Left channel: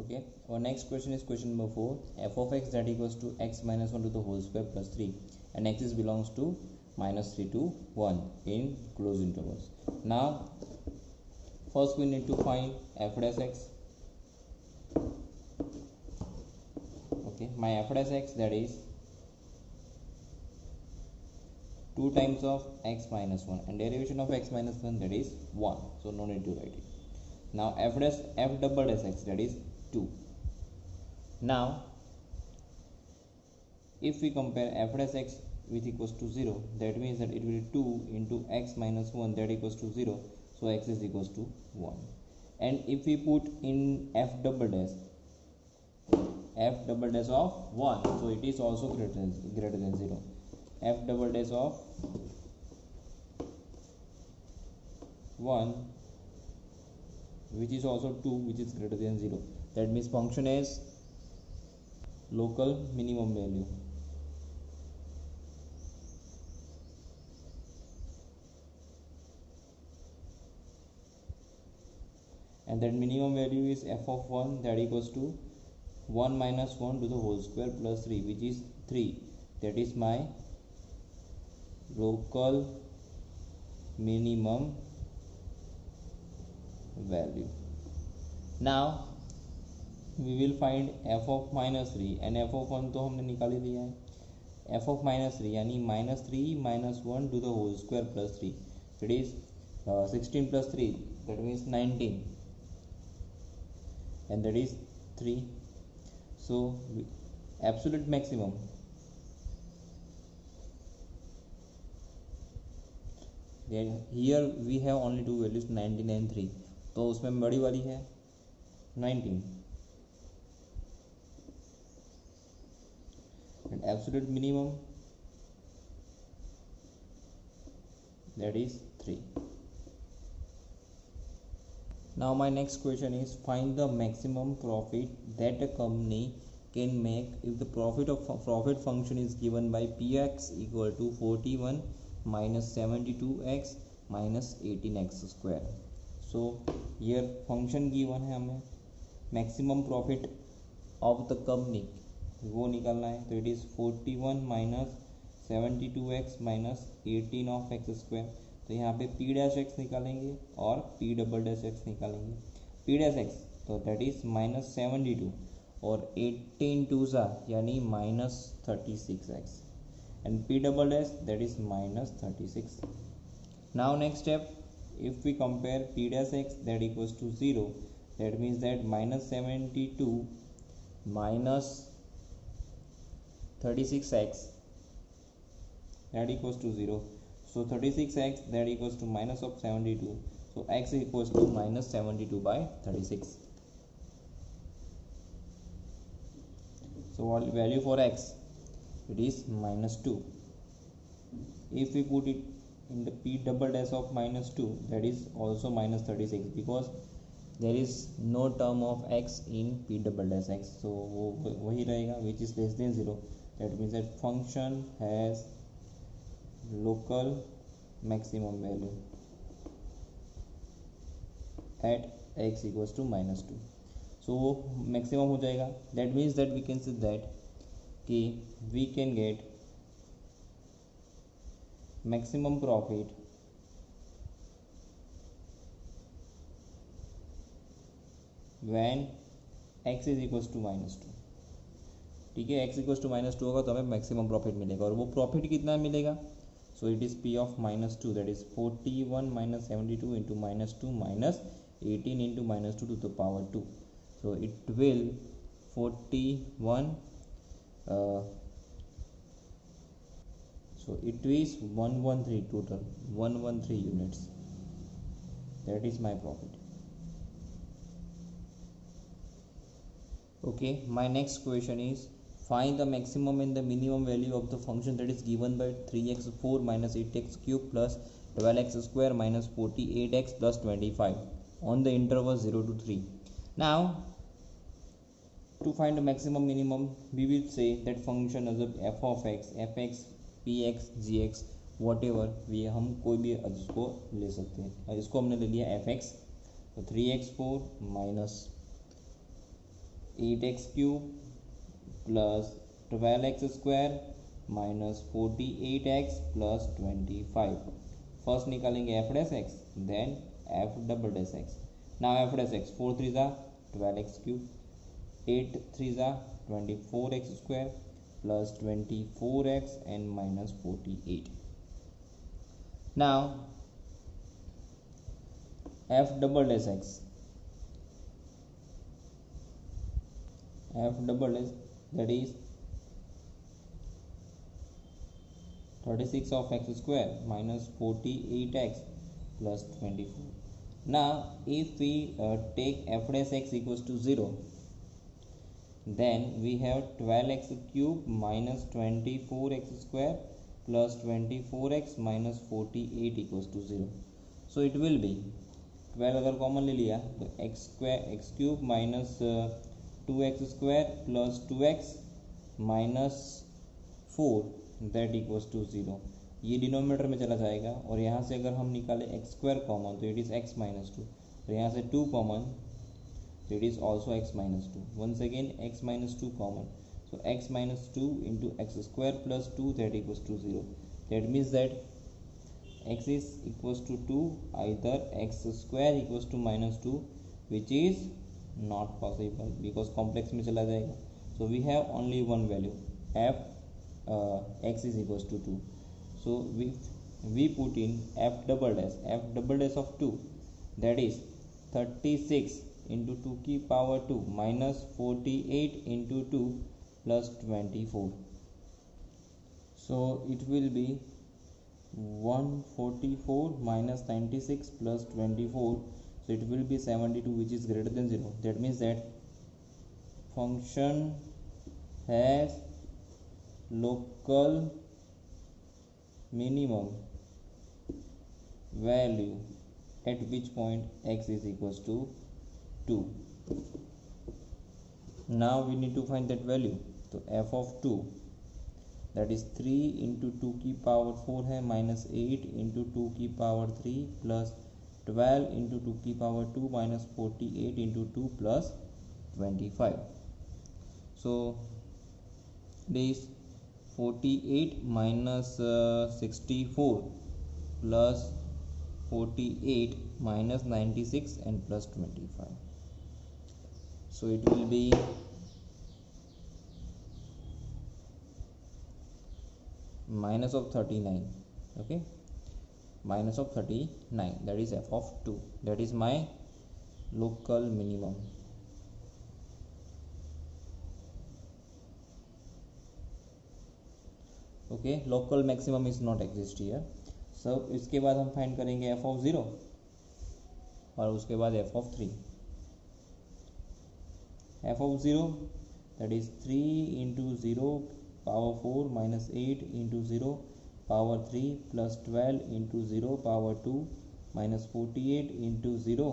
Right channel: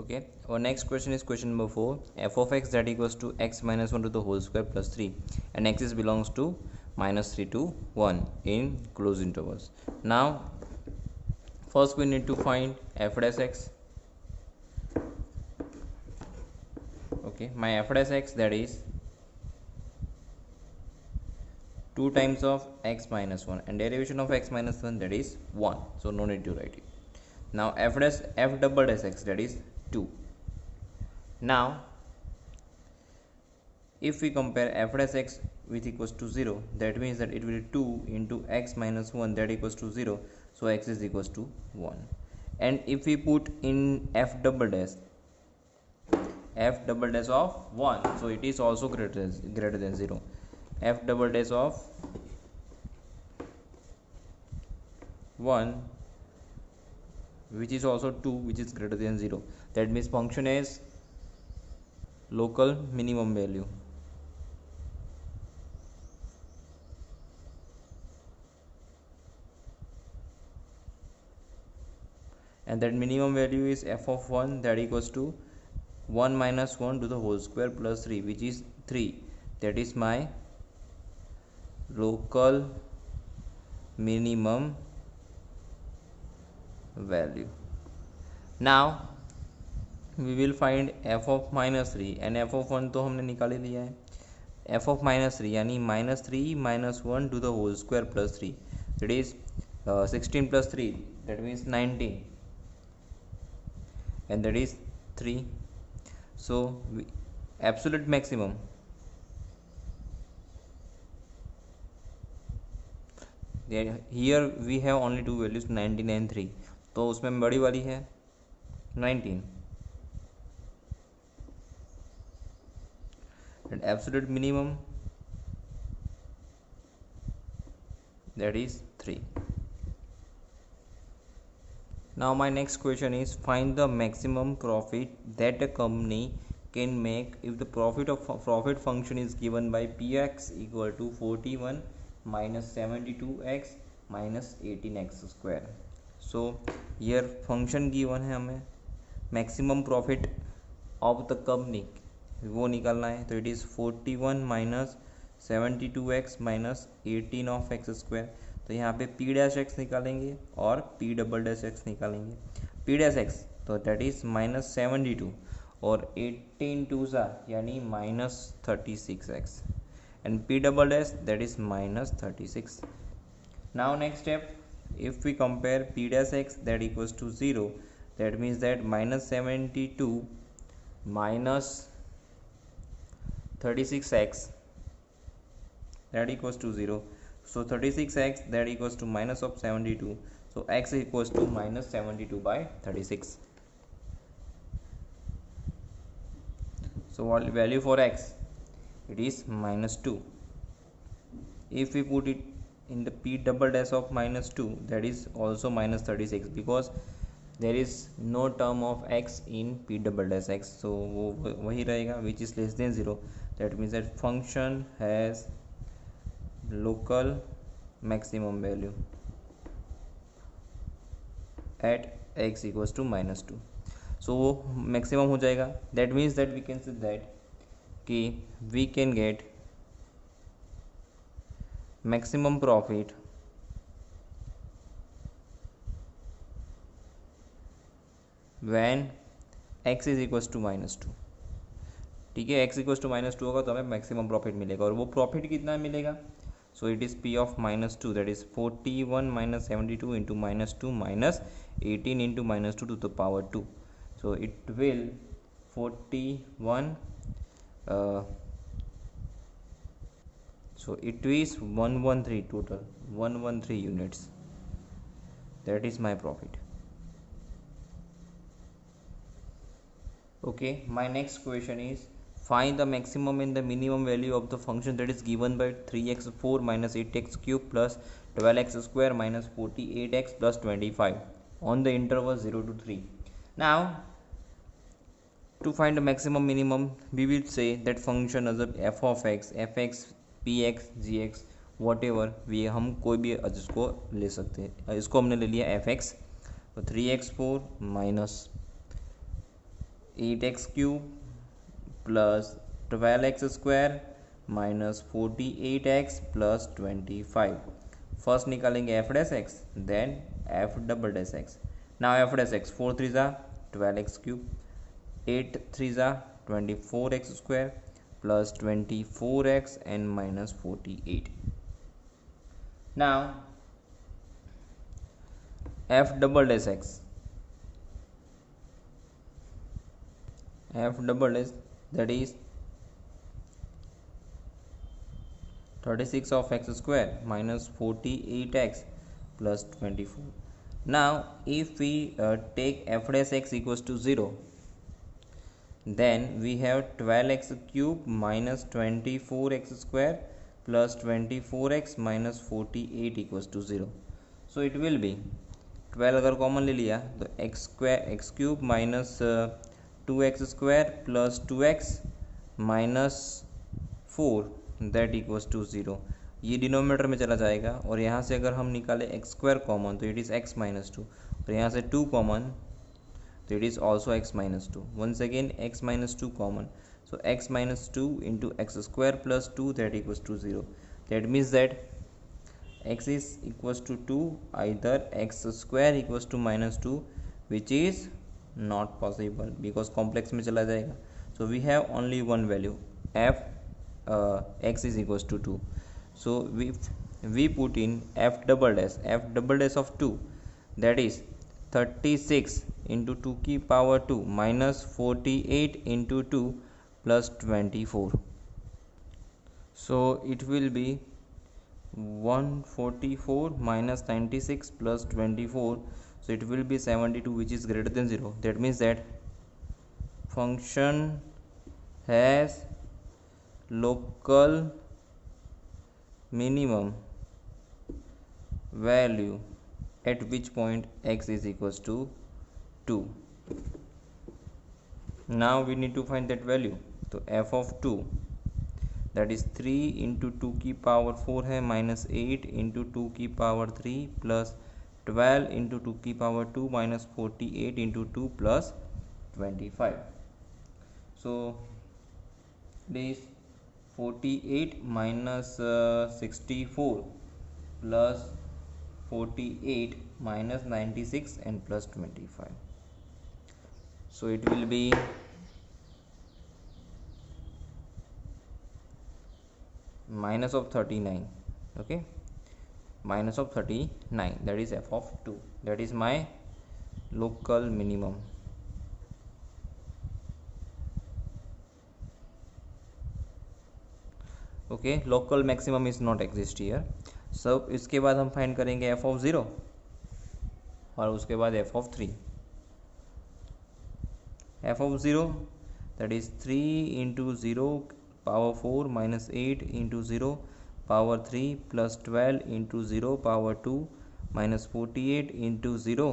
Okay, our next question is question number 4. F of x that equals to x minus 1 to the whole square plus 3, and x is belongs to minus 3 to 1 in closed intervals. Now first we need to find f dash x. Okay, my f dash x, that is 2 times of x minus 1, and derivation of x minus 1, that is 1, so no need to write it. Now f double dash x, that is 2. Now if we compare f dash x with equals to 0, that means that it will be 2 into x minus 1, that equals to 0, so x is equals to 1. And if we put in f double dash of 1, so it is also greater than 0. F double dash of 1, which is also 2, which is greater than 0. That means function is local minimum value. And that minimum value is f of 1, that equals to 1 minus 1 to the whole square plus 3, which is 3. That is my local minimum value. Now we will find f of minus 3, and f of 1 तो हमने निकाल ही लिया है. f of minus 3 यानी minus 3 minus 1 to the whole square plus 3, that is 16 plus 3, that means 19, and that is 3. So absolute maximum, here we have only two values 19 and 3, तो उसमें बड़ी वाली है 19, and absolute minimum, that is 3. Now my next question is, find the maximum profit that a company can make if the profit function is given by px equal to 41 minus 72x minus 18x square. So here function given है, हमें maximum profit of the company वो निकालना है. तो it is 41 minus 72x minus 18 of x square. तो यहाँ पे p dash x निकालेंगे और p डबल डैश x निकालेंगे. p डैश x तो that is minus 72 और 18 टू सा यानी minus 36x, and p double dash, that is minus 36. Now next step, if we compare p dash x that equals to 0, that means that minus 72 minus 36x, that equals to 0. So 36x, that equals to minus of 72, so x equals to minus 72 by 36. So what value for x? It is minus 2. If we put it in the p double dash of minus 2, that is also minus 36, because there is no term of x in p double dash x, so वही रहेगा, which is less than 0. That means that function has local maximum value at x equals to minus 2. So वो maximum हो जाएगा. That means that we can say that कि we can get maximum profit when x is equals to minus 2. ठीक है, x equals to minus 2 होगा तो हमें maximum profit मिलेगा, और वो प्रॉफिट कितना मिलेगा? So it is p of minus 2, that is 41 minus 72 into minus 2 minus 18 into minus 2 to the power 2. So it will 41, so it is 113 total, 113 units. That is my profit. Okay, my next question is, find the maximum and the minimum value of the function that is given by 3x4 minus 8x cube plus 12x square minus 48x plus 25 on the interval 0 to 3. Now to find the maximum minimum, we will say that function as f of x, fx, px, gx, whatever we हम कोई भी इसको ले सकते हैं. इसको हमने ले लिया fx, तो 3x4 minus 8x cube plus 12x square minus 48x plus 25. First निकालेंगे f dash x then f double dash x. Now f dash x 4 3 ज़ा 12x cube, 8 3 ज़ा 24x square plus 24x and minus 48. Now f double dash x, f double dash, that is 36 of x square minus 48x plus 24. Now if we take f dash x equals to 0, then we have 12x cube minus 24x square plus 24x minus 48 equals to 0. So it will be 12 अगर common ले लिया तो x square x cube minus 2x square plus 2x minus 4 that equals to 0. ये denominator में चला जाएगा और यहाँ से अगर हम निकालें एक्स स्क्वायर कॉमन तो इट इज़ x माइनस 2 और यहाँ से 2 common so it is also x minus 2. Once again x minus 2 common, so x minus 2 into x square plus 2 that equals to 0. That means that x is equals to 2, either x square equals to minus 2, which is not possible because complex में चला जाएगा. So we have only one value, f x is equals to 2. So we put in f double dash of 2, that is 36 into 2 की power 2 minus 48 into 2 plus 24. So it will be 144 minus 96 plus 24. So it will be 72, which is greater than 0. That means that function has local minimum value at which point x is equals to 2. Now we need to find that value. तो f of 2, that is 3 into 2 की power 4 है minus 8 into 2 की power 3 plus 12 into 2 की power 2 minus 48 into 2 plus 25. So it is 48 minus 64 plus 48 minus 96 and plus 25. So it will be minus of 39. Okay, minus of 39, that is f of 2. That is my local minimum. Okay, local maximum is not exist here. So इसके बाद हम find करेंगे f of 0 और उसके बाद f of 3. f of 0, that is 3 into 0 power 4 minus 8 into 0 power 3 plus 12 into 0 power 2 minus 48 into 0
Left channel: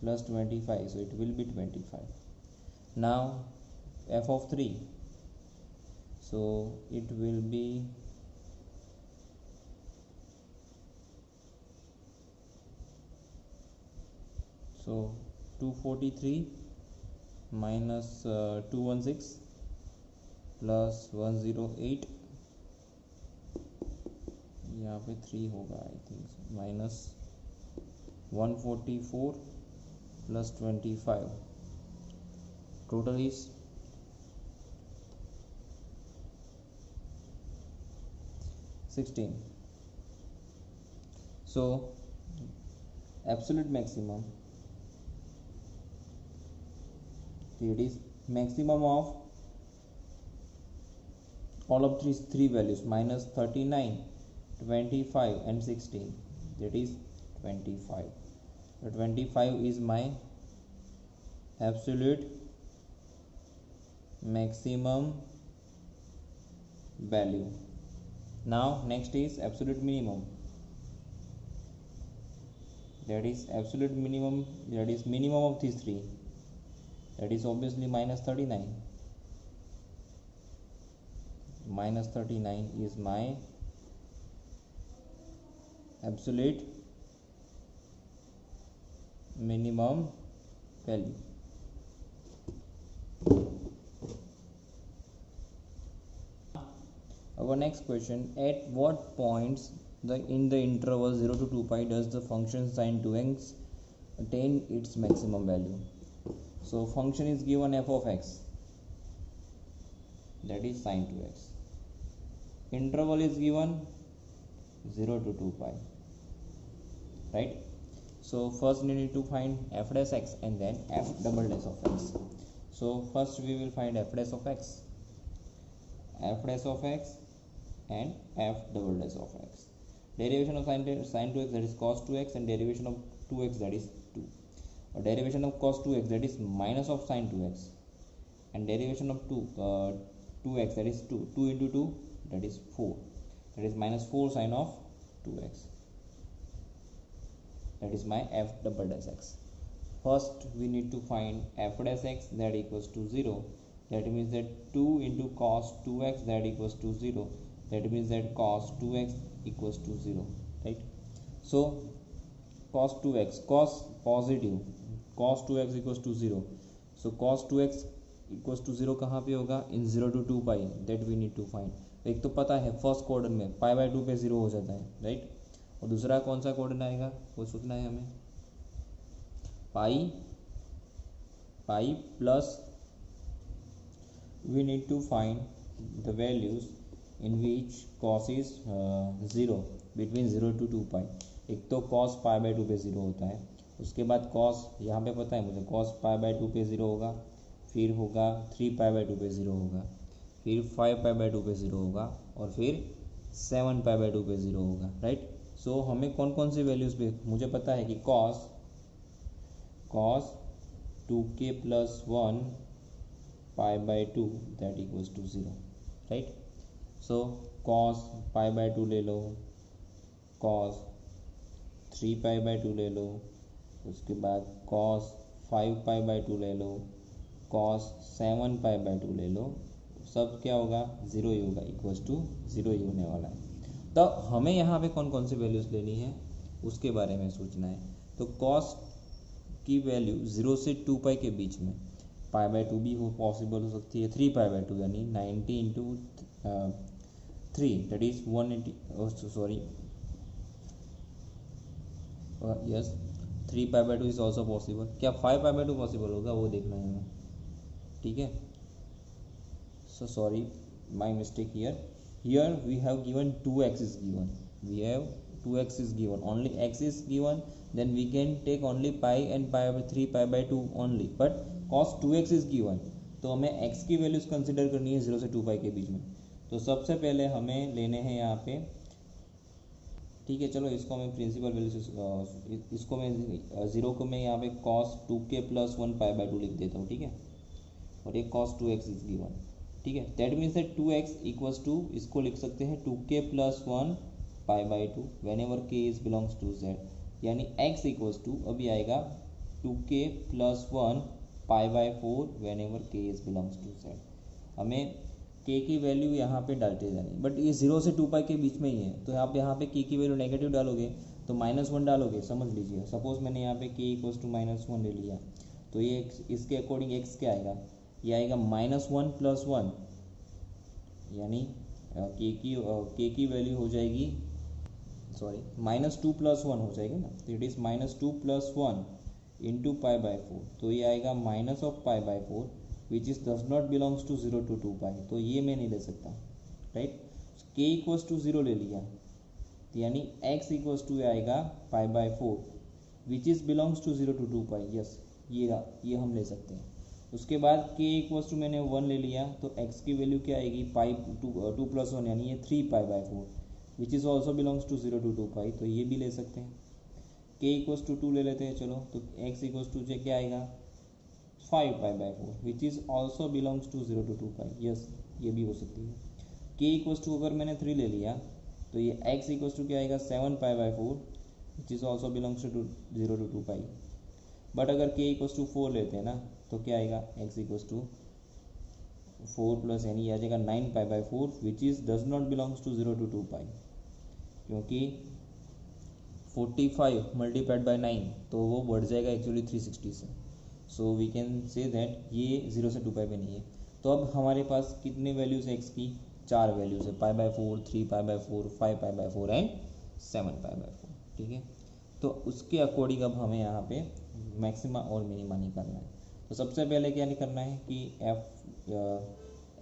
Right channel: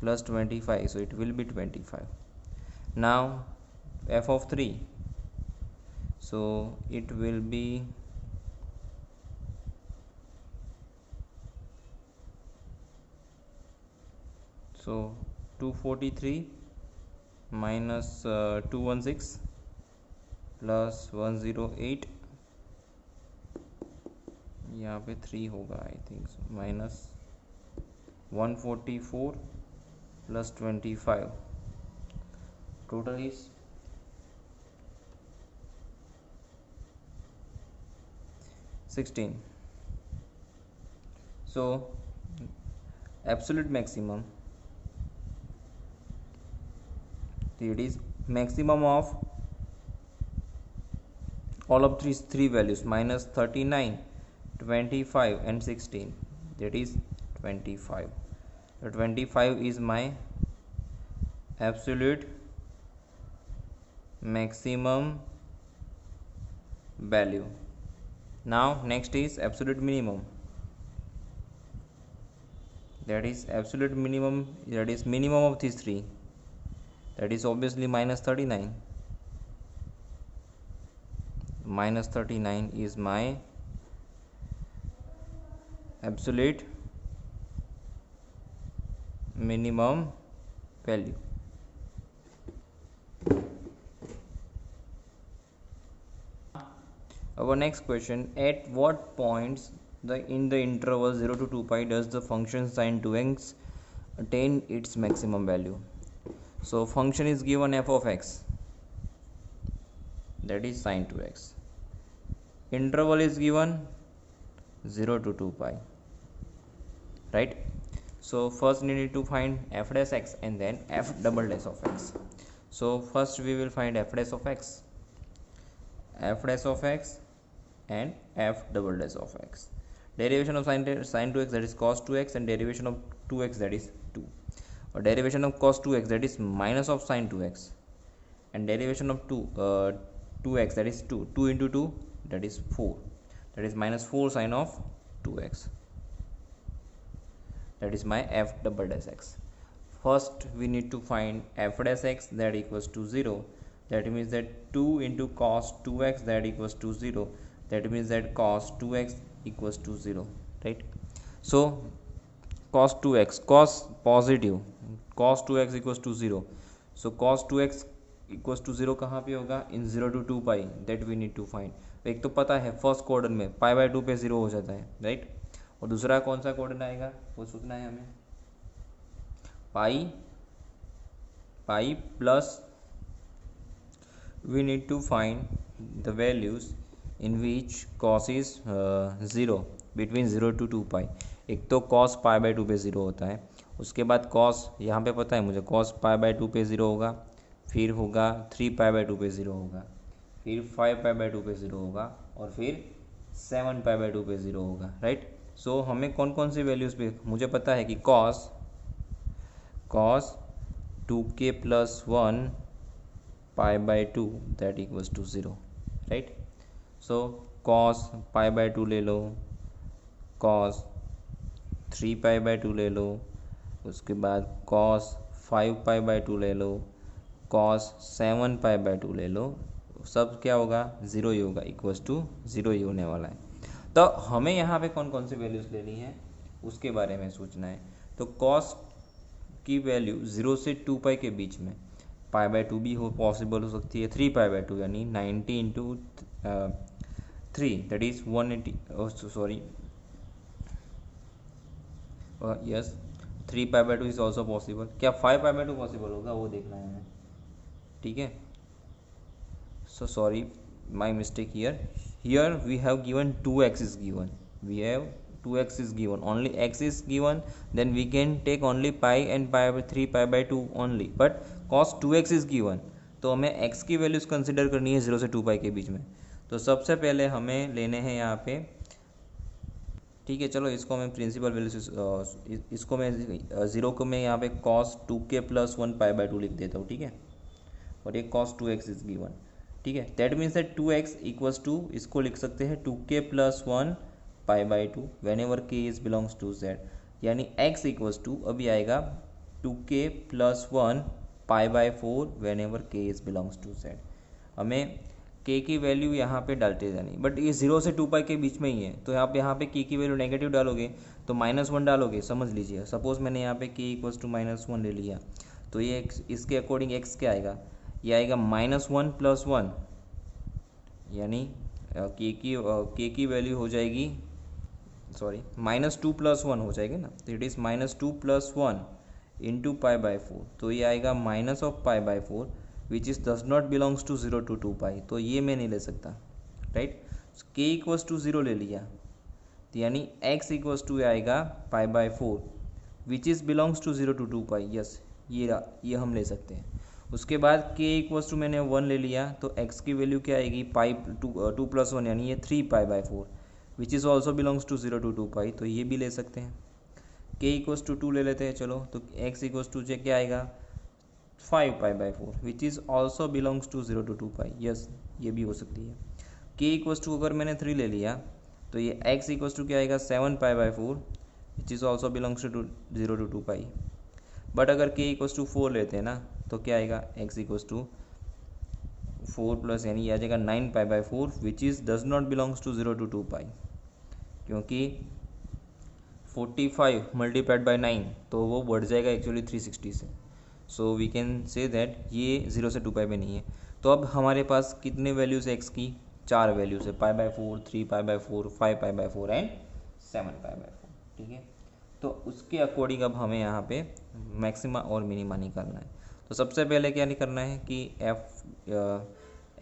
plus 25. So it will be 25. Now f of 3, so it will be so 243 minus 216 plus 108, यहाँ पे 3 होगा I think, minus 144 plus 25, total is 16. So absolute maximum, it is maximum of all of these three values minus 39, 25 and 16, that is 25. So 25 is my absolute maximum value. Now next is absolute minimum, that is absolute minimum, that is minimum of these three, that is obviously minus 39. Minus 39 is my absolute minimum value. Our next question, at what points in the interval 0 to 2 pi does the function sin 2x attain its maximum value? So function is given f of x, that is sin 2x. Interval is given 0 to 2 pi, right? So first we need to find f dash x and then f double dash of x. So first we will find f dash of x and f double dash of x. Derivation of sin 2x, that is cos 2x, and derivation of 2x, that is 2. Or derivation of cos 2x, that is minus of sin 2x, and derivation of 2x, that is 2. 2 into 2, that is 4, that is minus 4 sin of 2x. That is my f double dash x. First we need to find f dash x, that equals to 0. That means that 2 into cos 2x, that equals to 0. That means that cos 2x equals to 0, right? So cos 2x, cos positive, cos 2x equals to 0. So cos 2x equals to 0 कहाँ पे होगा? इन 0 to 2 pi, that we need to find. एक तो पता है first quadrant में पाई by 2 पे 0 हो जाता है, राइट? और दूसरा कौन सा क्वाड्रेंट आएगा वो सोचना है हमें. Pi plus we need to find the values in which cos is 0 between 0 to 2 pi. एक तो cos पाई बाय 2 पे 0 होता है, उसके बाद cos यहाँ पे पता है मुझे cos पाई बाय 2 पे 0 होगा, फिर होगा 3 पाई बाय 2 पे 0 होगा, फिर 5 पाई बाय 2 पे 0 होगा, और फिर 7 पाई बाय 2 पे 0 होगा, राइट? सो हमें कौन कौन सी वैल्यूज़ पे मुझे पता है कि cos 2k plus 1 pi by 2 that equals to 0, right? So cos pi by 2 ले लो, cos 3 pi by 2 ले लो, उसके बाद cos 5 pi by 2 ले लो, cos 7 pi by 2 ले लो, सब क्या होगा? 0 ही होगा, इक्वल्स टू 0 ही होने वाला है. तो हमें यहाँ पे कौन कौन सी वैल्यूज़ लेनी है उसके बारे में सोचना है. तो cos की वैल्यू 0 से 2 pi के बीच में पाई बाय 2 भी पॉसिबल हो सकती है, 3 पाई बाय 2 यानी 90 into 3, that is 180, sorry yes 3 pi by 2 is also possible. क्या 5 पाई बाय 2 पॉसिबल होगा वो देखना है हमें, ठीक है? So sorry, my mistake here we have given 2x is given, we have 2x is given, only x is given, then we can take only pi and pi by 3 pi by 2 only, but cos 2x is given, तो हमें x की values consider करनी है 0 से 2 पाई के बीच में. तो सबसे पहले हमें लेने हैं यहाँ पे, ठीक है? चलो इसको मैं प्रिंसिपल वैल्यू, इसको मैं 0 को मैं यहाँ पे cos 2k plus 1 pi by 2 लिख देता हूँ, ठीक है? और ये cos 2x इज गिवन, ठीक है? That means that 2x equals to, इसको लिख सकते हैं 2k plus 1 pi by 2 whenever k is belongs to z, यानी x इक्वल्स टू अभी आएगा 2k plus 1 pi by 4 whenever k is belongs to z. हमें k की value यहाँ पे डालते जानी, बट ये 0 से 2 पाई के बीच में ही है, तो आप यहाँ पे k की वैल्यू नेगेटिव डालोगे तो -1 डालोगे, समझ लीजिए. सपोज मैंने यहाँ पे k इक्वल्स टू -1 ले लिया, तो ये इसके अकॉर्डिंग x क्या आएगा? ये आएगा -1 प्लस 1, यानी k की वैल्यू हो जाएगी, सॉरी -2 प्लस 1 हो जाएगी ना, तो it is -2 plus 1 into pi by 4, तो ये आएगा minus of pi by 4 which is does not belongs to 0 to 2 pi, तो ये मैं नहीं ले सकता, राइट? k इक्वल्स टू 0 ले लिया, तो यानी x इक्वल्स टू आएगा pi by 4 which is belongs to 0 to 2 pi, yes ये हम ले सकते हैं. उसके बाद k इक्वल्स टू मैंने 1 ले लिया, तो x की वैल्यू क्या आएगी? पाई 2 प्लस 1 यानी ये 3 pi by 4 which is also belongs to 0 to 2 pi, तो ये भी ले सकते हैं. k इक्वल्स टू 2 ले लेते हैं, चलो, तो x इक्वल्स टू क्या आएगा? 5 pi by 4 which is also belongs to 0 to 2 pi, yes ये भी हो सकती है. k इक्वल्स टू अगर मैंने 3 ले लिया, तो ये x इक्वल्स टू क्या आएगा? 7 pi by 4 which is also belongs to 0 to 2 pi. But अगर k इक्वल्स टू 4 लेते हैं ना, तो क्या आएगा? x इक्वल्स टू 4 प्लस यानी ये आ जाएगा 9 pi by 4 which is does not belongs to 0 to 2 pi, क्योंकि 45 मल्टीप्लाइड बाय 9 तो वो बढ़ जाएगा एक्चुअली 360 से. So we can say that ये 0 से 2 पाई में नहीं है. तो अब हमारे पास कितने वैल्यूज़ x की? 4 वैल्यूज है, π/4, 3π/4, 5π/4 एंड 7π/4। ठीक है, तो उसके अकॉर्डिंग अब हमें यहाँ पे मैक्सिमा और मिनिमा निकालना है। तो सबसे पहले क्या करना है कि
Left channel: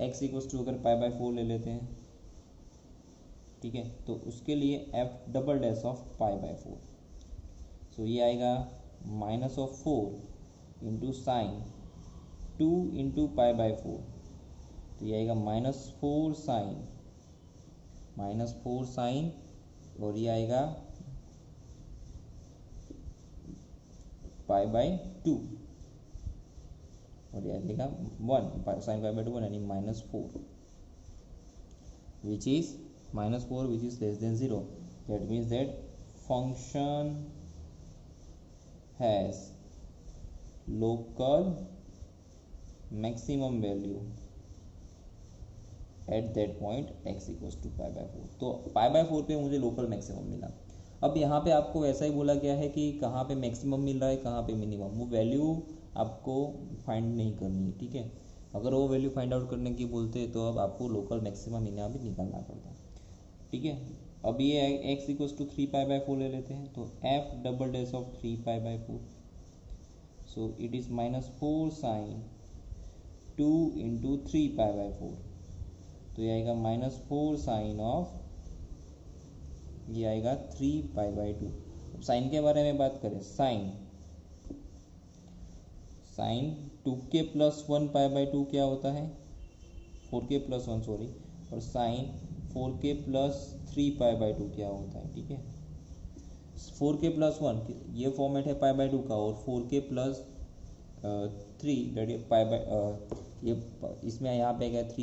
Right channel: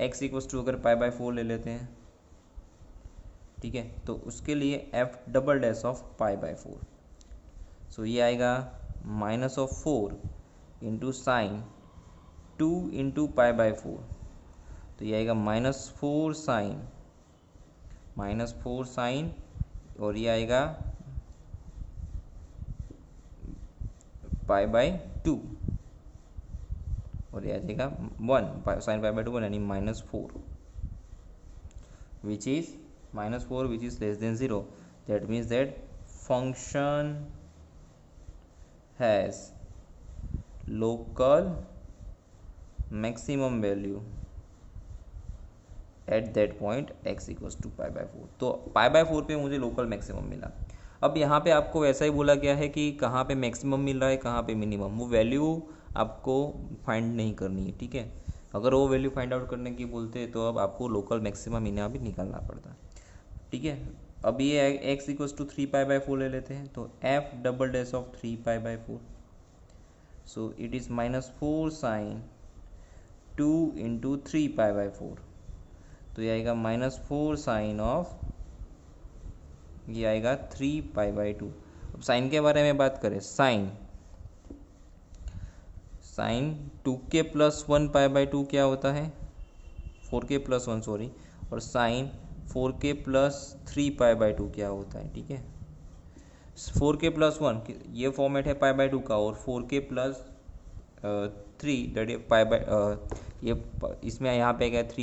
x इक्वल्स टू अगर π/4 ले लेते हैं, ठीक है, तो उसके लिए f डबल डैश ऑफ π/4, सो ये आएगा -4 इंटू साइन 2 इंटू π/4, तो ये आएगा -4 साइन और ये आएगा π/2 और ये आ जाएगा 1 साइन π/2 यानी -4 which is -4 which is less than 0. That means that function has local maximum value at that point x equals to π/4। तो π/4 पे मुझे लोकल मैक्सिमम मिला। अब यहाँ पे आपको वैसा ही बोला गया है कि कहाँ पे मैक्सिमम मिल रहा है, कहाँ पे मिनिमम, वो वैल्यू आपको फाइंड नहीं करनी है। ठीक है, अगर वो वैल्यू फाइंड आउट करने की बोलते हैं तो अब आपको लोकल मैक्सिमम यहाँ भी निकालना पड़ता है। ठीक है, अब ये x इक्वल्स टू 3π/4 ले लेते हैं, तो f double dash of 3π/4, so it is -4 sine 2 into 3π/4, तो ये आएगा -4 साइन ऑफ, ये आएगा 3π/2। अब साइन के बारे में बात करें, साइन 2k प्लस 1 π/2 क्या होता है, 4k प्लस 1 सॉरी, और साइन 4k प्लस 3 π/2 क्या होता है। ठीक है, 4k प्लस 1 ये फॉर्मेट है π/2 का, और 4k प्लस 3 ये इसमें यहाँ पे गया 3